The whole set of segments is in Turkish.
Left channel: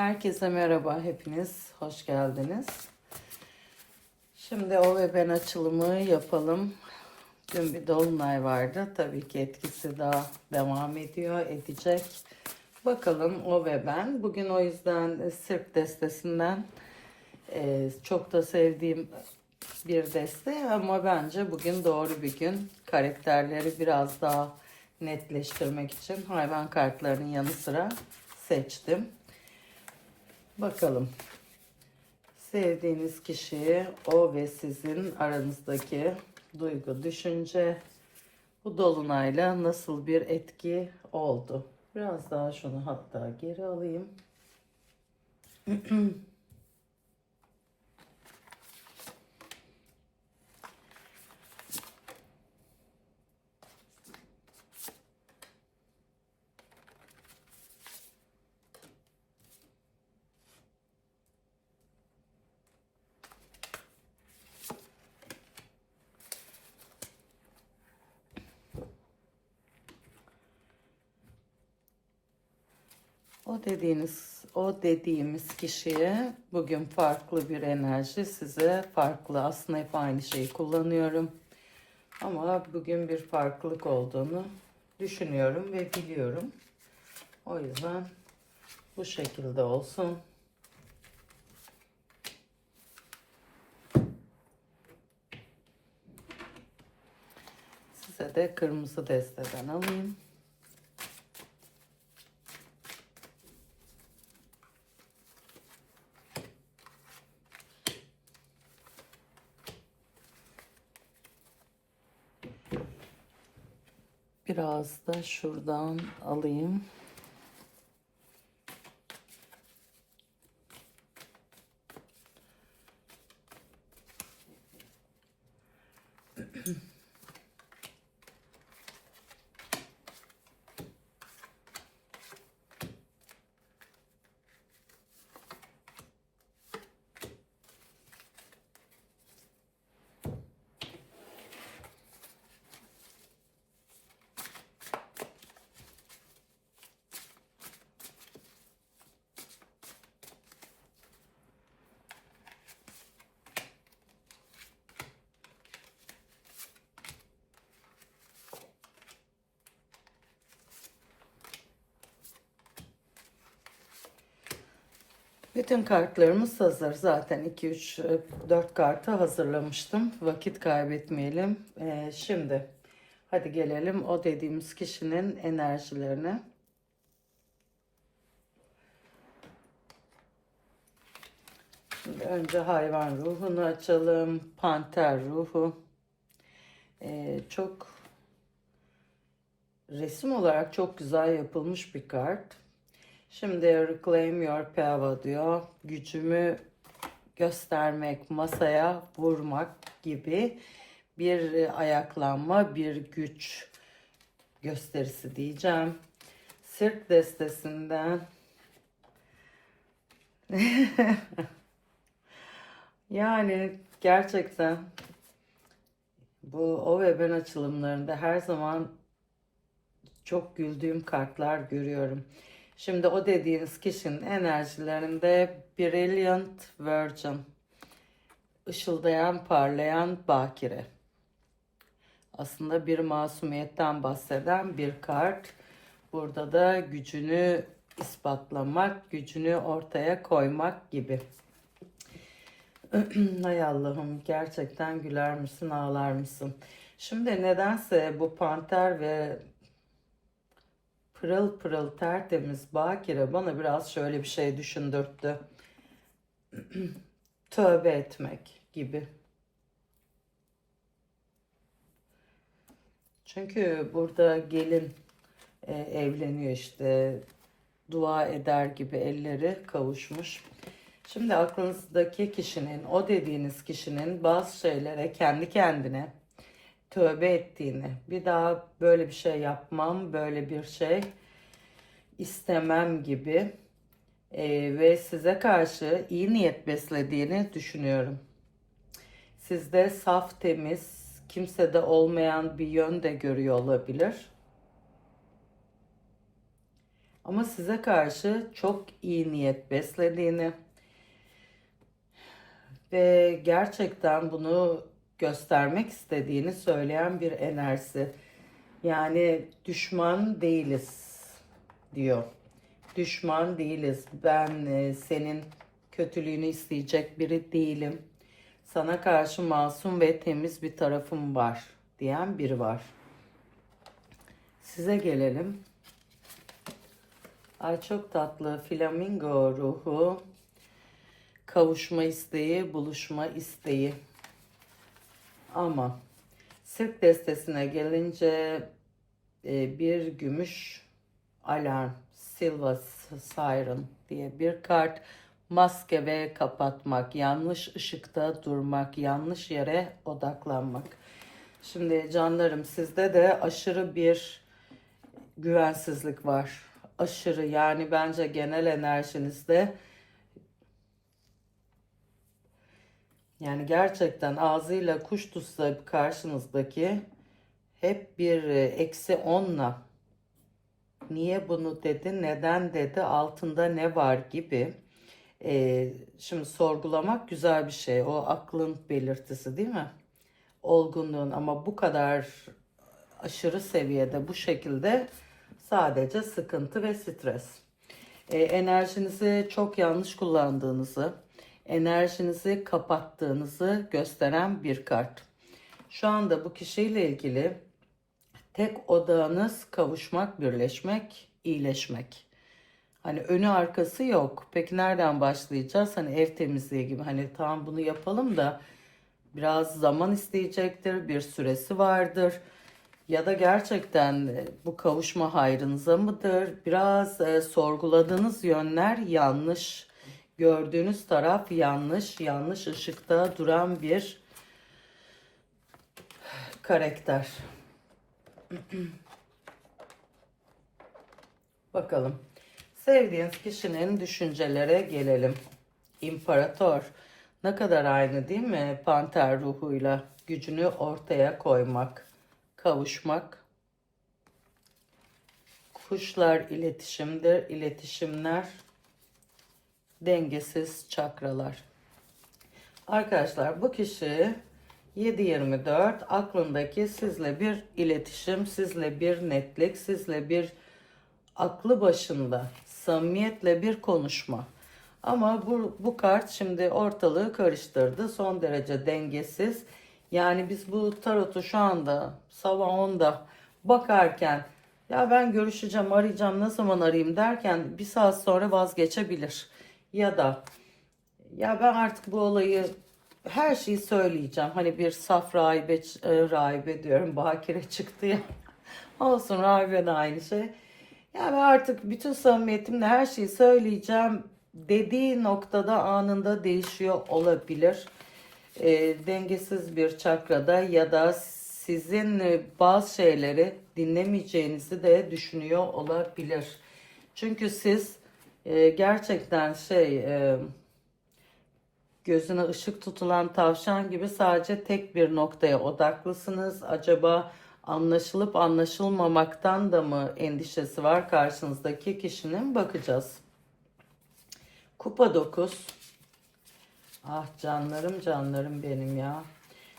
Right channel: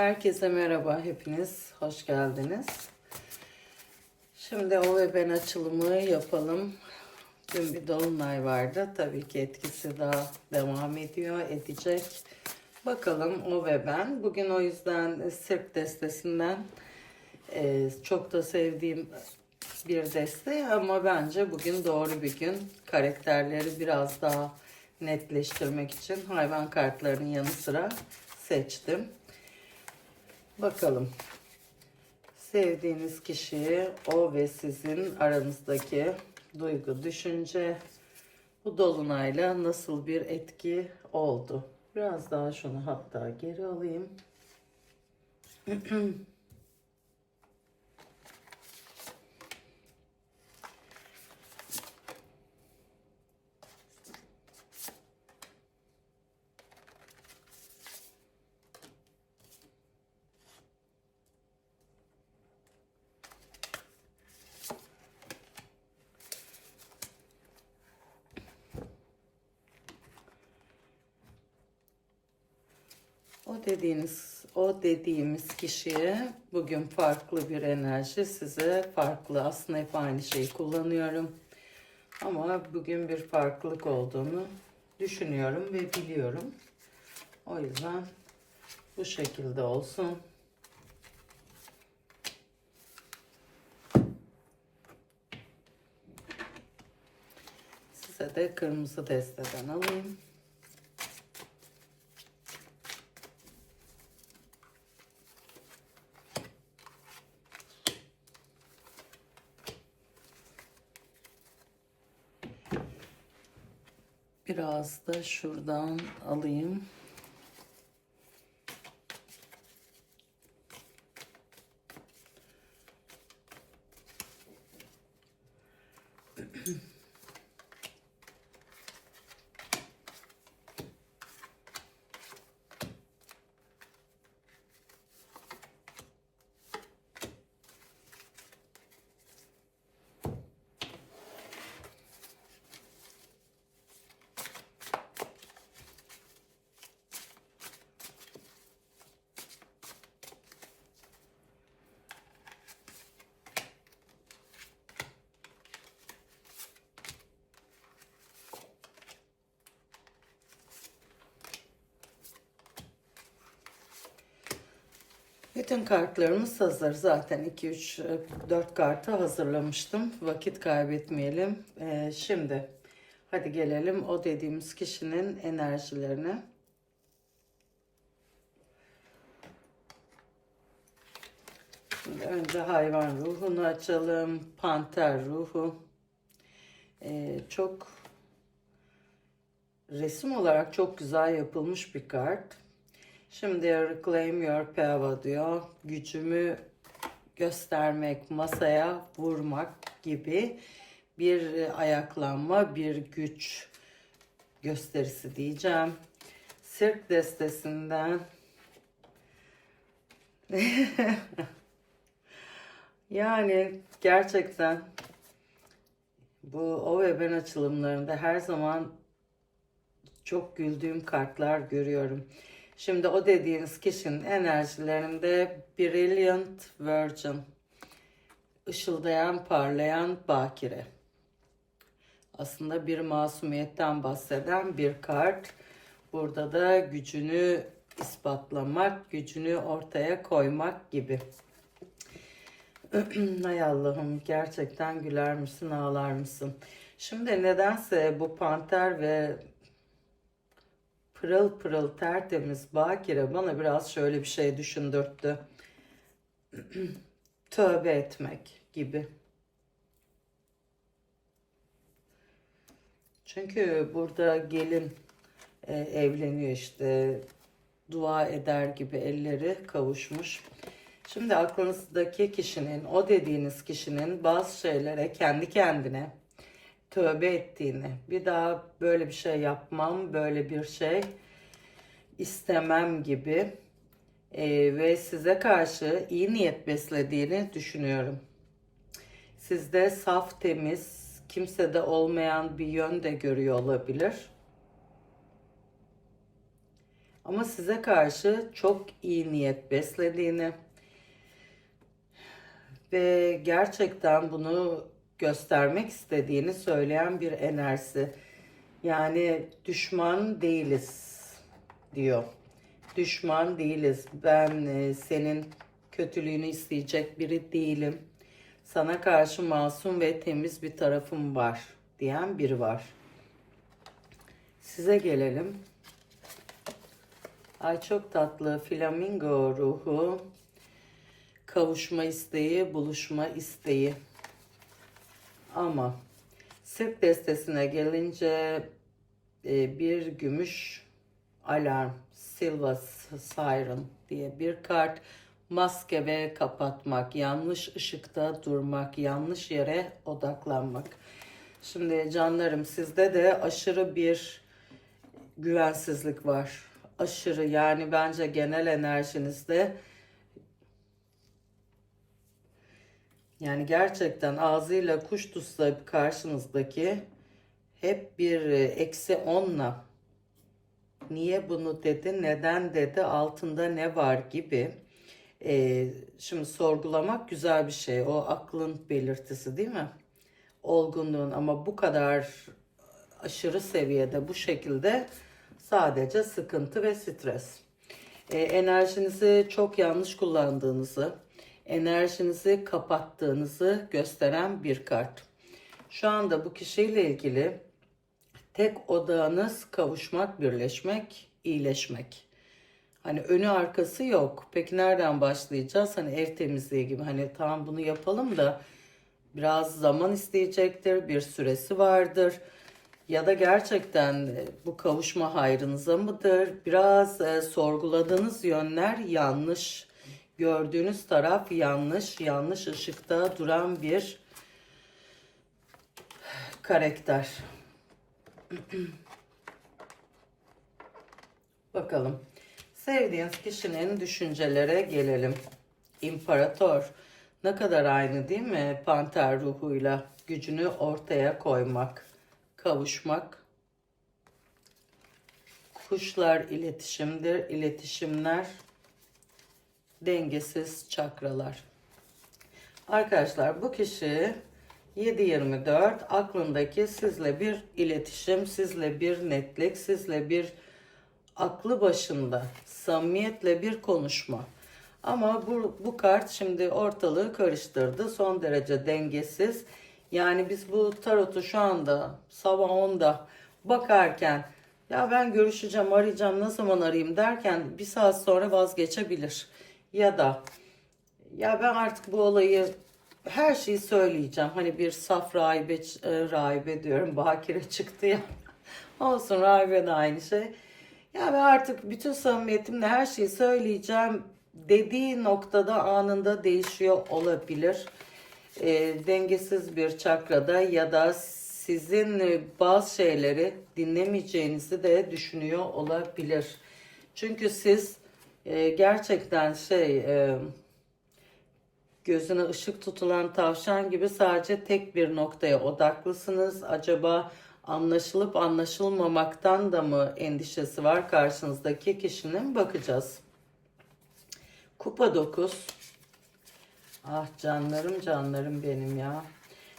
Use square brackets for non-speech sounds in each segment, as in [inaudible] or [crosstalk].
Herkese merhaba, hepiniz hoş geldiniz. Şimdi o ve ben açılımı yapalım. Dün bir dolunay vardı. Tabii ki etkisi daha devam ediyor, edecek. Bakalım o ve ben. Bugün o yüzden sirk destesinden e, çok da sevdiğim bir deste ama bence bugün doğru bir gün. Karakterleri biraz daha netleştirmek için hayvan kartlarının yanı sıra seçtim. Bakalım. Sevdiğiniz kişi o ve sizin aranızdaki duygu, düşünce bu dolunayla nasıl bir etki oldu? Biraz daha şunu hatta geri alayım. [clears throat] O dediğiniz, o dediğimiz kişiye bugün farklı bir enerji size farklı. Aslında hep aynı şeyi kullanıyorum. Ama bugün bir farklılık olduğunu düşünüyorum ve biliyorum. O yüzden bu şekilde olsun. Size de kırmızı desteden alayım. Biraz da şuradan alayım. Bütün kartlarımız hazır. Zaten 2, 3, 4 kartı hazırlamıştım. Vakit kaybetmeyelim. Ee, şimdi hadi gelelim o dediğimiz kişinin enerjilerine. Şimdi önce hayvan ruhunu açalım. Panter ruhu. Ee, çok resim olarak çok güzel yapılmış bir kart. Şimdi reclaim your power diyor. Gücümü göstermek, masaya vurmak gibi bir ayaklanma, bir güç gösterisi diyeceğim. Sirk destesinden [laughs] yani gerçekten bu o ve ben açılımlarında her zaman çok güldüğüm kartlar görüyorum. Şimdi o dediğiniz kişinin enerjilerinde Brilliant Virgin, ışıldayan, parlayan bakire. Aslında bir masumiyetten bahseden bir kart. Burada da gücünü ispatlamak, gücünü ortaya koymak gibi. [clears throat] Hay Allah'ım gerçekten güler misin ağlar mısın? Şimdi nedense bu panter ve pırıl pırıl tertemiz bakire bana biraz şöyle bir şey düşündürttü. [clears throat] Tövbe etmek gibi. Çünkü burada gelin e, evleniyor işte dua eder gibi elleri kavuşmuş. Şimdi aklınızdaki kişinin, o dediğiniz kişinin bazı şeylere kendi kendine tövbe ettiğini, bir daha böyle bir şey yapmam, böyle bir şey istemem gibi e, ve size karşı iyi niyet beslediğini düşünüyorum. Sizde saf, temiz, kimsede olmayan bir yön de görüyor olabilir. Ama size karşı çok iyi niyet beslediğini ve gerçekten bunu göstermek istediğini söyleyen bir enerjisi. Yani düşman değiliz diyor. Düşman değiliz. Ben e, senin kötülüğünü isteyecek biri değilim. Sana karşı masum ve temiz bir tarafım var diyen biri var. Size gelelim. Ay çok tatlı flamingo ruhu. Kavuşma isteği, buluşma isteği. Ama sırk destesine gelince e, bir gümüş alarm, silver siren diye bir kart. Maske ve kapatmak, yanlış ışıkta durmak, yanlış yere odaklanmak. Şimdi canlarım sizde de aşırı bir güvensizlik var. Aşırı yani bence genel enerjinizde yani gerçekten ağzıyla kuş tutsa karşınızdaki hep bir e, eksi onla niye bunu dedi, neden dedi, altında ne var gibi. Ee, şimdi sorgulamak güzel bir şey. O aklın belirtisi değil mi? Olgunluğun ama bu kadar aşırı seviyede bu şekilde sadece sıkıntı ve stres. Ee, enerjinizi çok yanlış kullandığınızı, enerjinizi kapattığınızı gösteren bir kart. Şu anda bu kişiyle ilgili tek odağınız kavuşmak, birleşmek, iyileşmek. Hani önü arkası yok. Peki nereden başlayacağız? Hani ev temizliği gibi hani tamam bunu yapalım da biraz zaman isteyecektir, bir süresi vardır. Ya da gerçekten bu kavuşma hayrınıza mıdır? Biraz e, sorguladığınız yönler yanlış. Gördüğünüz taraf yanlış, yanlış ışıkta duran bir karakter. [clears throat] Bakalım. Sevdiğiniz kişinin düşüncelere gelelim. İmparator. Ne kadar aynı değil mi? Panter ruhuyla gücünü ortaya koymak, kavuşmak. Kuşlar iletişimdir, iletişimler dengesiz çakralar. Arkadaşlar bu kişi 7-24 aklındaki sizle bir iletişim, sizle bir netlik, sizle bir aklı başında samimiyetle bir konuşma. Ama bu, bu kart şimdi ortalığı karıştırdı. Son derece dengesiz. Yani biz bu tarotu şu anda sabah 10'da bakarken ya ben görüşeceğim, arayacağım, ne zaman arayayım derken bir saat sonra vazgeçebilir. Ya da ya ben artık bu olayı her şeyi söyleyeceğim. Hani bir saf rahibe, e, rahibe diyorum. Bakire çıktı ya. [laughs] Olsun rahibe de aynı şey. Yani artık bütün samimiyetimle her şeyi söyleyeceğim dediği noktada anında değişiyor olabilir. E, dengesiz bir çakrada ya da sizin e, bazı şeyleri dinlemeyeceğinizi de düşünüyor olabilir. Çünkü siz e, gerçekten şey e, gözüne ışık tutulan tavşan gibi sadece tek bir noktaya odaklısınız. Acaba anlaşılıp anlaşılmamaktan da mı endişesi var karşınızdaki kişinin bakacağız. Kupa 9. Ah canlarım canlarım benim ya.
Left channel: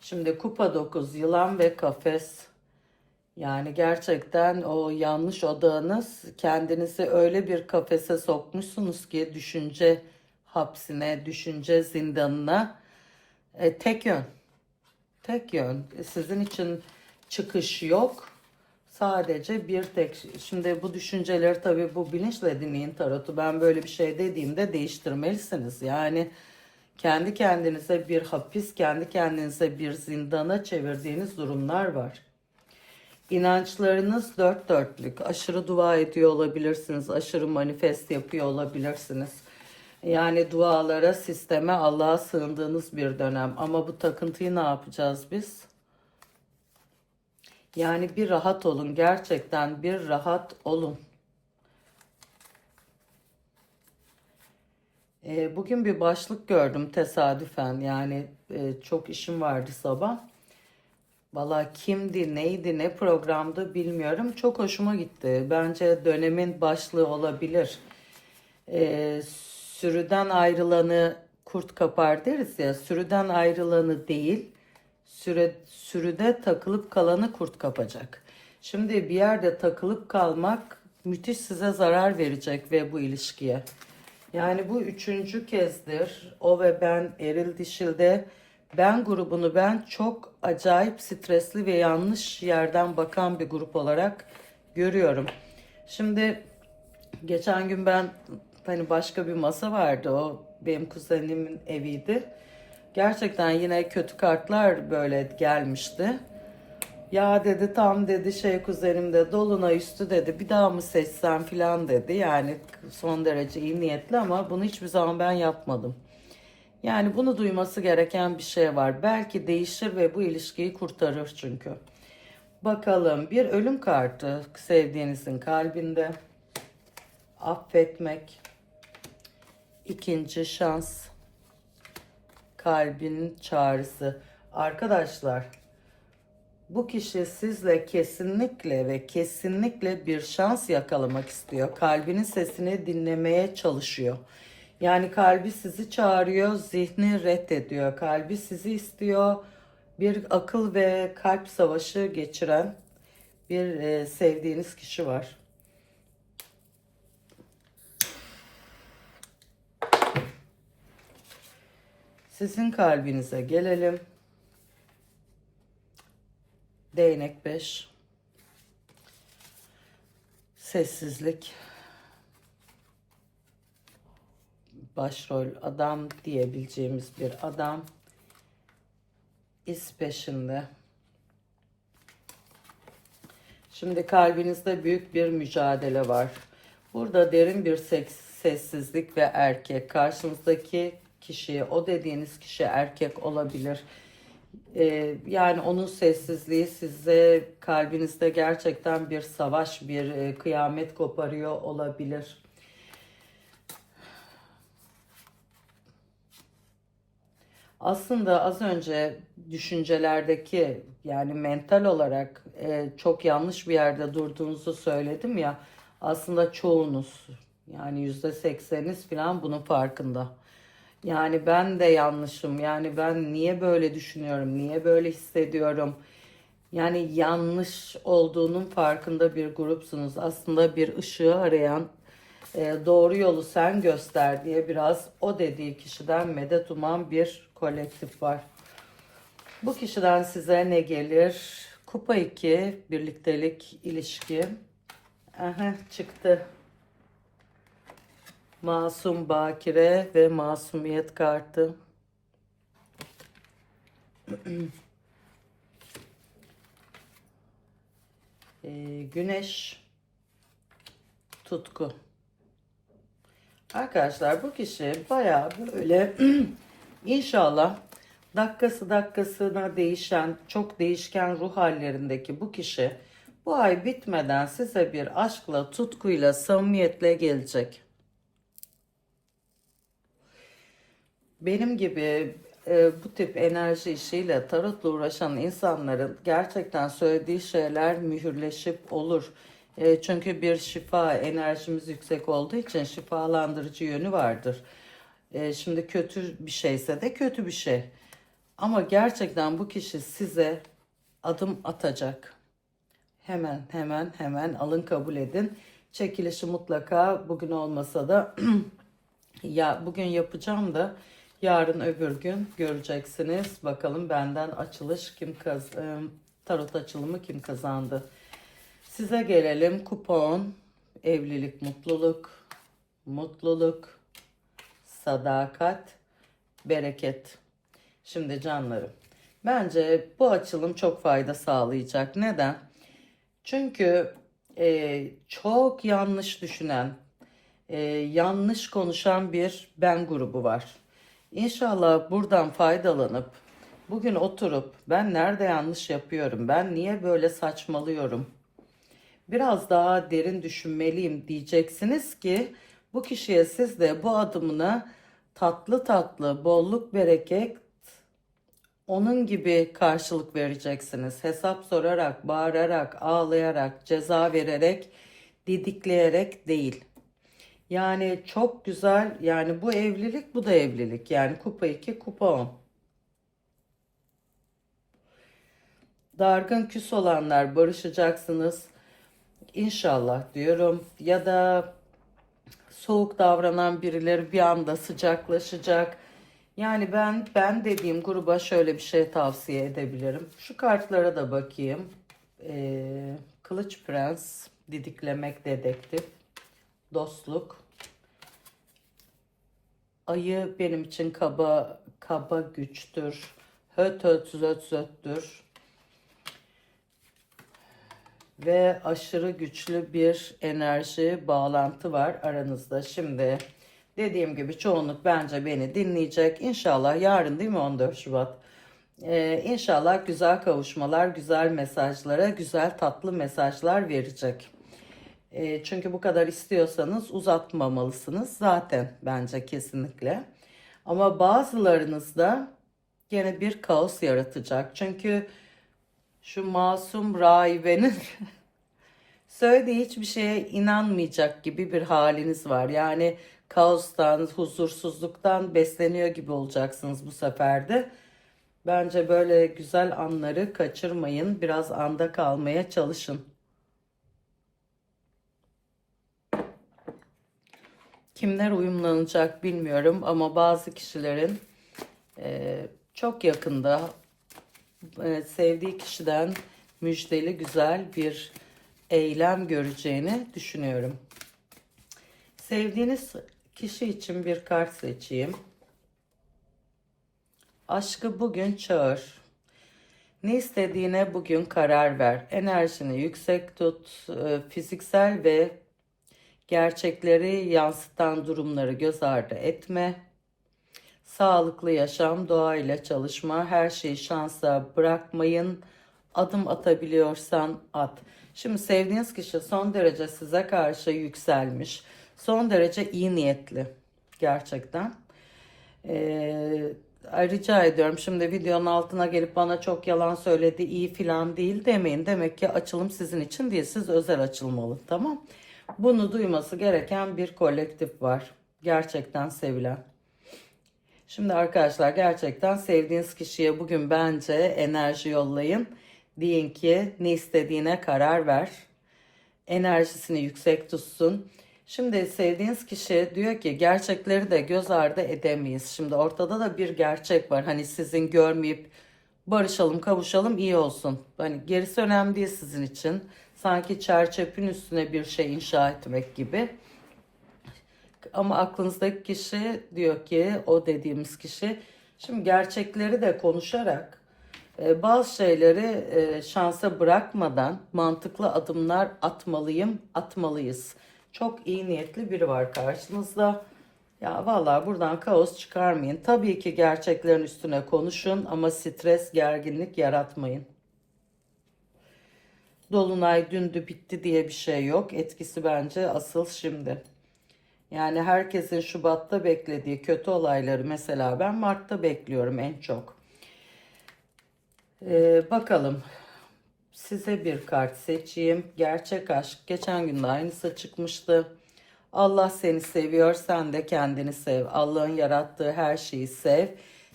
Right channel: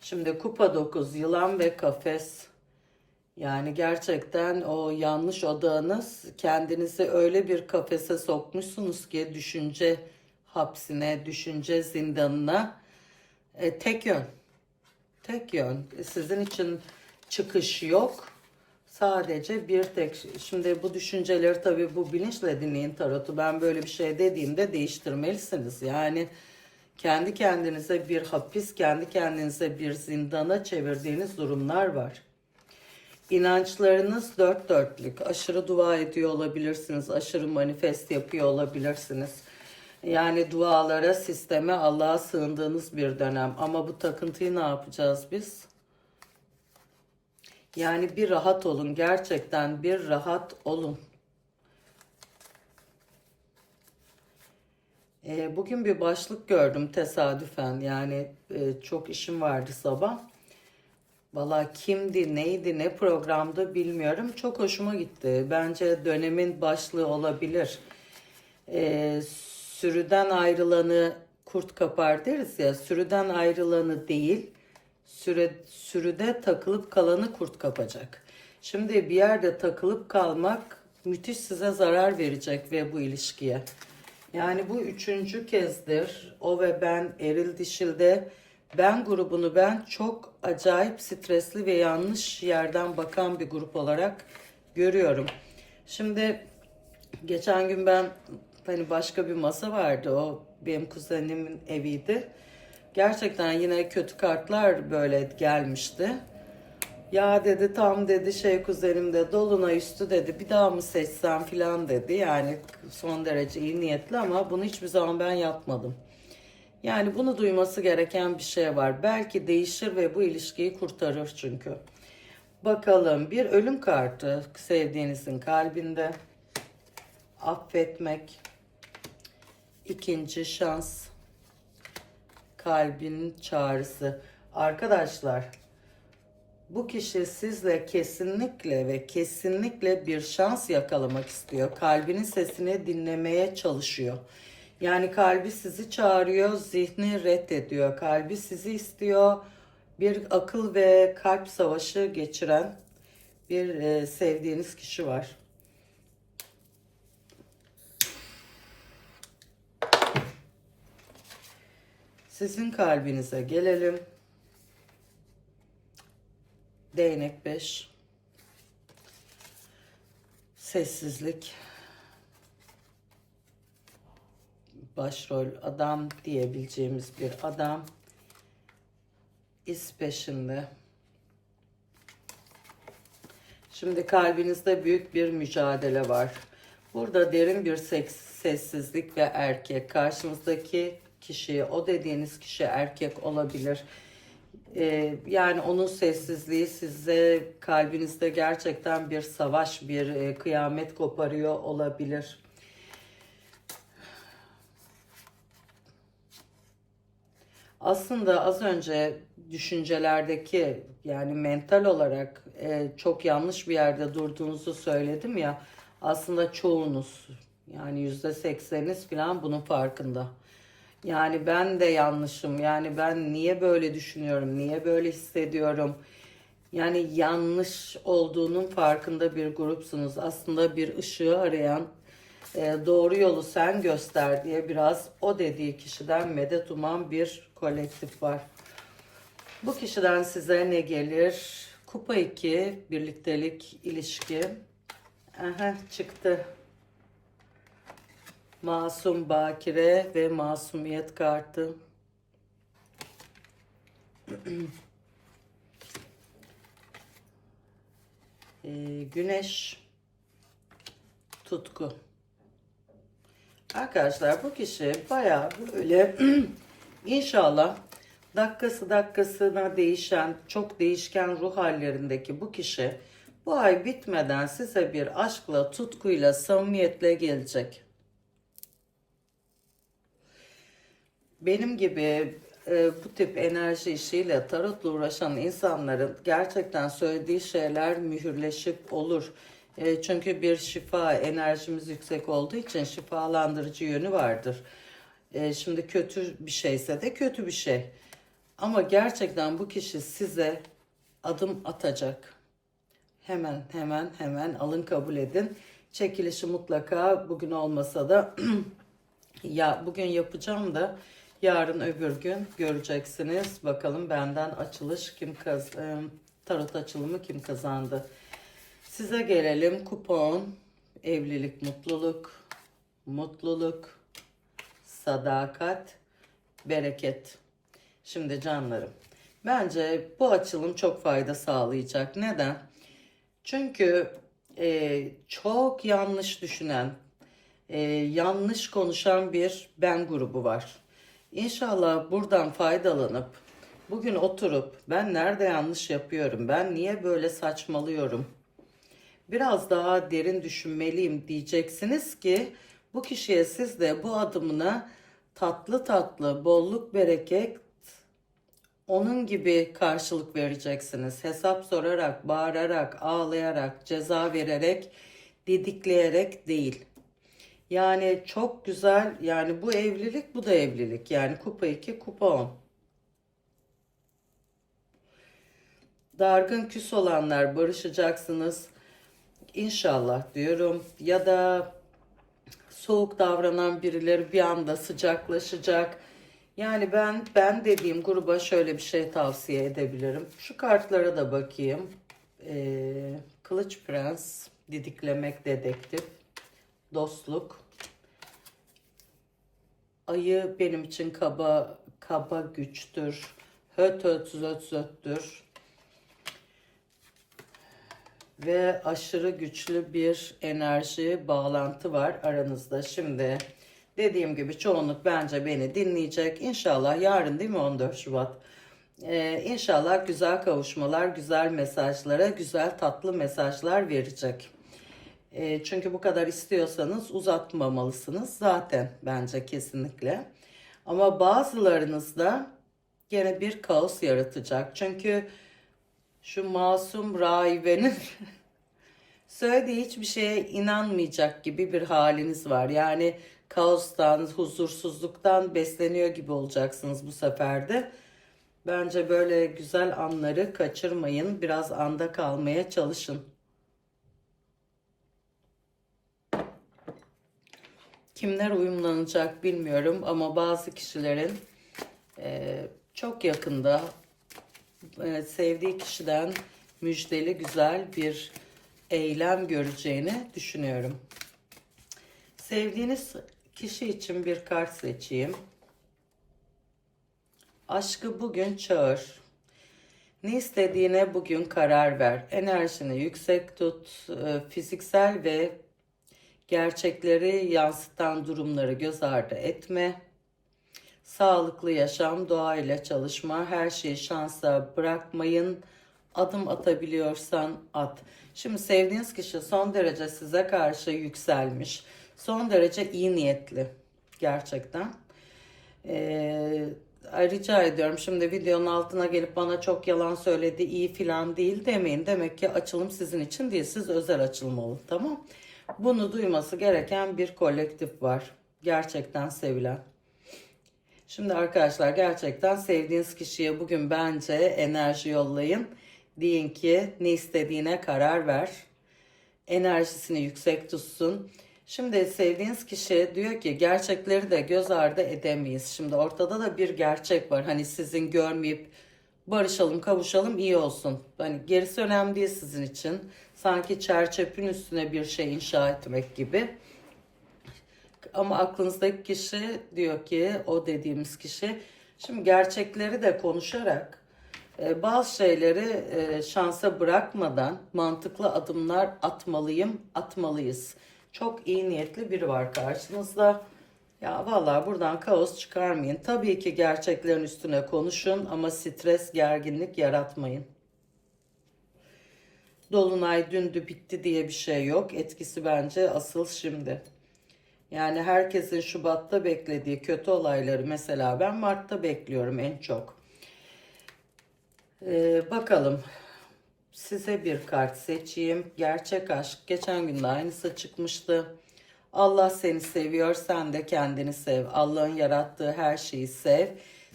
Şimdi kupa 9 yılan ve kafes. Yani gerçekten o yanlış odağınız kendinizi öyle bir kafese sokmuşsunuz ki düşünce hapsine, düşünce zindanına e, tek yön. Tek yön. Sizin için çıkış yok. Sadece bir tek. Şimdi bu düşünceleri tabii bu bilinçle dinleyin tarotu. Ben böyle bir şey dediğimde değiştirmelisiniz. Yani kendi kendinize bir hapis, kendi kendinize bir zindana çevirdiğiniz durumlar var. İnançlarınız dört dörtlük. Aşırı dua ediyor olabilirsiniz. Aşırı manifest yapıyor olabilirsiniz. Yani dualara, sisteme, Allah'a sığındığınız bir dönem. Ama bu takıntıyı ne yapacağız biz? Yani bir rahat olun. Gerçekten bir rahat olun. Ee, bugün bir başlık gördüm tesadüfen. Yani e, çok işim vardı sabah. Valla kimdi, neydi, ne programdı bilmiyorum. Çok hoşuma gitti. Bence dönemin başlığı olabilir. Ee, sürüden ayrılanı kurt kapar deriz ya. Sürüden ayrılanı değil, süre, sürüde takılıp kalanı kurt kapacak. Şimdi bir yerde takılıp kalmak müthiş size zarar verecek ve bu ilişkiye. Yani bu üçüncü kezdir. O ve ben eril dişilde ben grubunu ben çok acayip stresli ve yanlış yerden bakan bir grup olarak görüyorum. Şimdi geçen gün ben hani başka bir masa vardı o benim kuzenimin eviydi. Gerçekten yine kötü kartlar böyle gelmişti. Ya dedi tam dedi şey kuzenim de dolunay üstü dedi bir daha mı seçsem filan dedi. Yani son derece iyi niyetli ama bunu hiçbir zaman ben yapmadım. Yani bunu duyması gereken bir şey var. Belki değişir ve bu ilişkiyi kurtarır çünkü. Bakalım bir ölüm kartı sevdiğinizin kalbinde. Affetmek. ikinci şans. Kalbin çağrısı. Arkadaşlar bu kişi sizle kesinlikle ve kesinlikle bir şans yakalamak istiyor. Kalbinin sesini dinlemeye çalışıyor. Yani kalbi sizi çağırıyor, zihni reddediyor. Kalbi sizi istiyor. Bir akıl ve kalp savaşı geçiren bir e, sevdiğiniz kişi var. Sizin kalbinize gelelim. Değnek 5. Sessizlik. Başrol adam diyebileceğimiz bir adam. İz peşinde. Şimdi kalbinizde büyük bir mücadele var. Burada derin bir sessizlik ve erkek. Karşınızdaki kişi, o dediğiniz kişi erkek olabilir. Ee, yani onun sessizliği size kalbinizde gerçekten bir savaş, bir e, kıyamet koparıyor olabilir. Aslında az önce düşüncelerdeki yani mental olarak e, çok yanlış bir yerde durduğunuzu söyledim ya. Aslında çoğunuz yani yüzde sekseniz falan bunun farkında. Yani ben de yanlışım. Yani ben niye böyle düşünüyorum? Niye böyle hissediyorum? Yani yanlış olduğunun farkında bir grupsunuz. Aslında bir ışığı arayan e, doğru yolu sen göster diye biraz o dediği kişiden medet uman bir kolektif var. Bu kişiden size ne gelir? Kupa 2, birliktelik, ilişki. Aha, çıktı. Masum bakire ve masumiyet kartı. [clears throat] Ee, güneş tutku. Arkadaşlar bu kişi baya böyle [clears throat] inşallah dakikası dakikasına değişen çok değişken ruh hallerindeki bu kişi bu ay bitmeden size bir aşkla, tutkuyla, samimiyetle gelecek. benim gibi e, bu tip enerji işiyle tarotla uğraşan insanların gerçekten söylediği şeyler mühürleşip olur. E, çünkü bir şifa enerjimiz yüksek olduğu için şifalandırıcı yönü vardır. E, şimdi kötü bir şeyse de kötü bir şey. Ama gerçekten bu kişi size adım atacak. Hemen hemen hemen alın kabul edin. Çekilişi mutlaka bugün olmasa da [clears throat] ya bugün yapacağım da Yarın öbür gün göreceksiniz. Bakalım benden açılış kim kaz tarot açılımı kim kazandı. Size gelelim. Kupon, evlilik, mutluluk, mutluluk, sadakat, bereket. Şimdi canlarım. Bence bu açılım çok fayda sağlayacak. Neden? Çünkü e, çok yanlış düşünen, e, yanlış konuşan bir ben grubu var. İnşallah buradan faydalanıp bugün oturup ben nerede yanlış yapıyorum, ben niye böyle saçmalıyorum, biraz daha derin düşünmeliyim diyeceksiniz ki bu kişiye siz de bu adımına tatlı tatlı bolluk bereket onun gibi karşılık vereceksiniz. Hesap sorarak, bağırarak, ağlayarak, ceza vererek, didikleyerek değil. Yani çok güzel. Yani bu evlilik, bu da evlilik. Yani kupa 2, kupa 10. Dargın küs olanlar barışacaksınız. İnşallah diyorum. Ya da soğuk davranan birileri bir anda sıcaklaşacak. Yani ben ben dediğim gruba şöyle bir şey tavsiye edebilirim. Şu kartlara da bakayım. Ee, Kılıç Prens, Didiklemek Dedektif, Dostluk. Ayı benim için kaba kaba güçtür. Höt höt zöt zöttür. Ve aşırı güçlü bir enerji bağlantı var aranızda. Şimdi dediğim gibi çoğunluk bence beni dinleyecek. İnşallah yarın değil mi 14 Şubat? Ee, inşallah güzel kavuşmalar, güzel mesajlara, güzel tatlı mesajlar verecek. Ee, çünkü bu kadar istiyorsanız uzatmamalısınız zaten bence kesinlikle. Ama bazılarınızda gene bir kaos yaratacak. Çünkü şu masum rahibenin [laughs] söylediği hiçbir şeye inanmayacak gibi bir haliniz var. Yani kaostan, huzursuzluktan besleniyor gibi olacaksınız bu sefer de. Bence böyle güzel anları kaçırmayın. Biraz anda kalmaya çalışın. Kimler uyumlanacak bilmiyorum ama bazı kişilerin e, çok yakında sevdiği kişiden müjdeli güzel bir eylem göreceğini düşünüyorum. Sevdiğiniz kişi için bir kart seçeyim. Aşkı bugün çağır. Ne istediğine bugün karar ver. Enerjini yüksek tut. E, Fiziksel ve gerçekleri yansıtan durumları göz ardı etme. Sağlıklı yaşam, doğayla çalışma, her şeyi şansa bırakmayın. Adım atabiliyorsan at. Şimdi sevdiğiniz kişi son derece size karşı yükselmiş. Son derece iyi niyetli. Gerçekten. Ee, rica ediyorum şimdi videonun altına gelip bana çok yalan söyledi iyi filan değil demeyin. Demek ki açılım sizin için değil. Siz özel açılım olun tamam. Bunu duyması gereken bir kolektif var. Gerçekten sevilen. Şimdi arkadaşlar gerçekten sevdiğiniz kişiye bugün bence enerji yollayın. Deyin ki ne istediğine karar ver. Enerjisini yüksek tutsun. Şimdi sevdiğiniz kişi diyor ki gerçekleri de göz ardı edemeyiz. Şimdi ortada da bir gerçek var. Hani sizin görmeyip barışalım, kavuşalım iyi olsun. Hani gerisi önemli değil sizin için. Sanki çerçepin üstüne bir şey inşa etmek gibi. Ama aklınızdaki kişi diyor ki o dediğimiz kişi şimdi gerçekleri de konuşarak e, bazı şeyleri e, şansa bırakmadan mantıklı adımlar atmalıyım, atmalıyız. Çok iyi niyetli biri var karşınızda. Ya vallahi buradan kaos çıkarmayın. Tabii ki gerçeklerin üstüne konuşun ama stres, gerginlik yaratmayın. Dolunay dündü bitti diye bir şey yok. Etkisi bence asıl şimdi. Yani herkesin Şubat'ta beklediği kötü olayları mesela ben Mart'ta bekliyorum en çok. Ee, bakalım size bir kart seçeyim. Gerçek aşk. Geçen gün de aynısı çıkmıştı. Allah seni seviyor, sen de kendini sev. Allah'ın yarattığı her şeyi sev.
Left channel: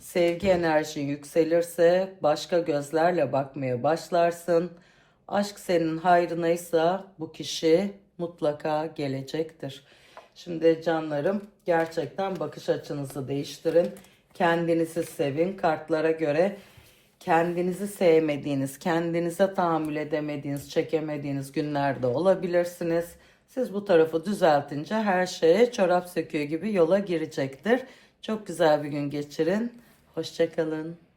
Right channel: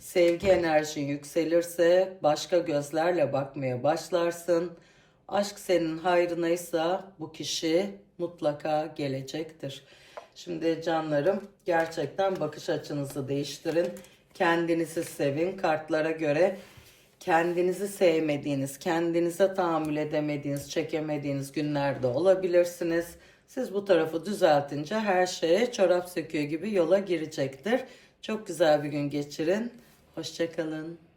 Sevgi enerjin yükselirse başka gözlerle bakmaya başlarsın. Aşk senin hayrınaysa bu kişi mutlaka gelecektir. Şimdi canlarım gerçekten bakış açınızı değiştirin. Kendinizi sevin. Kartlara göre kendinizi sevmediğiniz, kendinize tahammül edemediğiniz, çekemediğiniz günlerde olabilirsiniz. Siz bu tarafı düzeltince her şeye çorap söküyor gibi yola girecektir. Çok güzel bir gün geçirin. Hoşçakalın.